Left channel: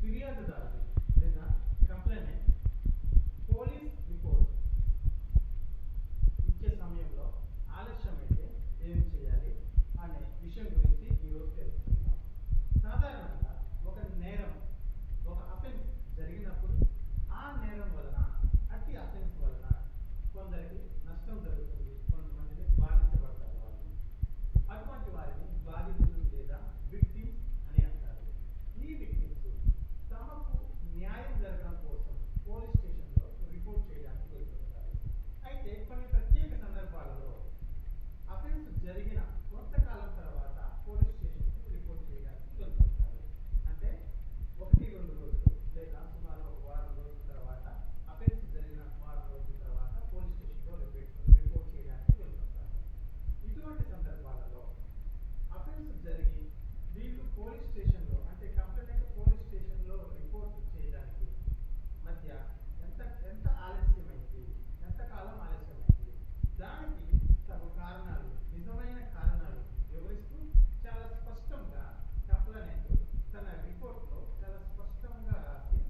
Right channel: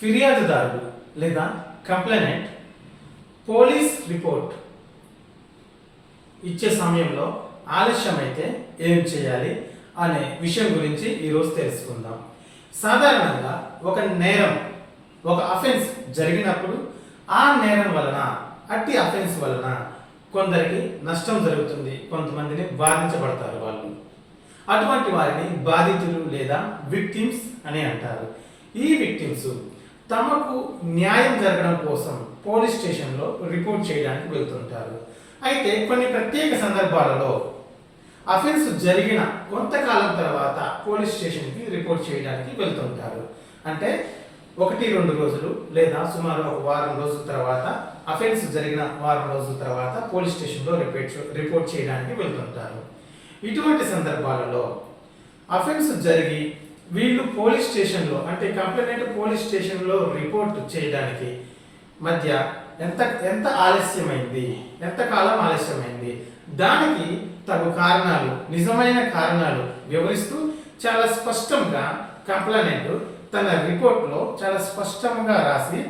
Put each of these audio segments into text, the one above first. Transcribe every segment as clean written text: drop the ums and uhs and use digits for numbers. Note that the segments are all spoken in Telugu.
ఫిర్యాదుదారుడు లేదా కంప్లైనెంట్ పోలీస్ రిపోర్ట్ ఇచ్చే సమయంలో ఆలస్యమైతే ఏం చేయాలి అనే విషయం గురించి ఈరోజు తెలుసుకుందాం. సాధారణంగా ఒక నేరం, ఒక అఫెన్స్ జరిగినప్పుడు ఆ నేరం వలన, అట్టి అఫెన్స్ వలన కొందరికి నష్టం జరుగుతుంది, కొంతమందిని బాధించబడతారు వాళ్ళు. అటువంటి వారిని బాధితులు లేదా విక్టిమ్స్ అని అంటారు. ఈ విక్టిమ్స్ తమకు న్యాయం జరగడం కోసం పోలీస్ స్టేషన్లో రిపోర్ట్ చేయడానికి వెళ్తుంటారు. అయితే కొన్ని ప్రత్యేక సందర్భాలలో అఫెన్స్ జరిగిన కొంతకాలం తర్వాత పోలీస్ స్టేషన్కి రిపోర్ట్ చేయడానికి వెళ్తుంటారు. అంటే 1-2 రోజులు లేదా సుమారు ఒక వారం రోజుల తర్వాత, అఫెన్స్ జరిగిన వారం రోజుల తర్వాత పోలీస్ స్టేషన్లో రిపోర్ట్ చేయడానికి వెళ్తుంటారు. ఇటువంటి సందర్భాలలో అఫెన్స్ జరిగి వీళ్ళు పోలీస్ స్టేషన్లో, అంటే కంప్లైంట్ పోలీస్ స్టేషన్లో రిపోర్ట్ చేయడానికి మధ్య ఎంత ఆలస్యమైంది, ఎంతకాలం ఆలస్యమైంది, దానికి తగు కారణాలు, నిజమైన కారణాలు వివరిస్తూ చాలా స్పష్టంగా కంప్లైంట్ తన రిపోర్ట్లో చాలా స్పష్టంగా రాసి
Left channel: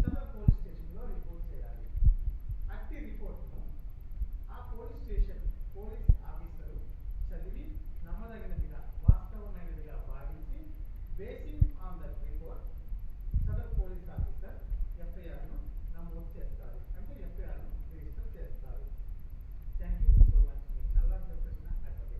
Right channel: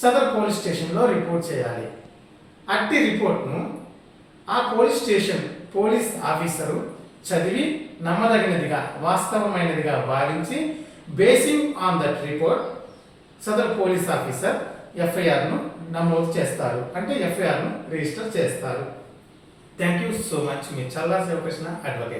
సదర్ పోలీస్ స్టేషన్లో రిపోర్ట్ చేయాలి. అట్టి రిపోర్ట్ను ఆ పోలీస్ స్టేషన్ పోలీస్ ఆఫీసరు చదివి నమ్మదగినదిగా, వాస్తవమైనదిగా భావించి బేసింగ్ ఆన్ దట్ రిపోర్ట్ సదర్ పోలీస్ ఆఫీసర్ ఎఫ్ఐఆర్ను నమోదు చేస్తారు, అంటే ఎఫ్ఐఆర్ను రిజిస్టర్ చేస్తారు. Thank you so much. మీ చల్లా శివకృష్ణ, అడ్వకేట్.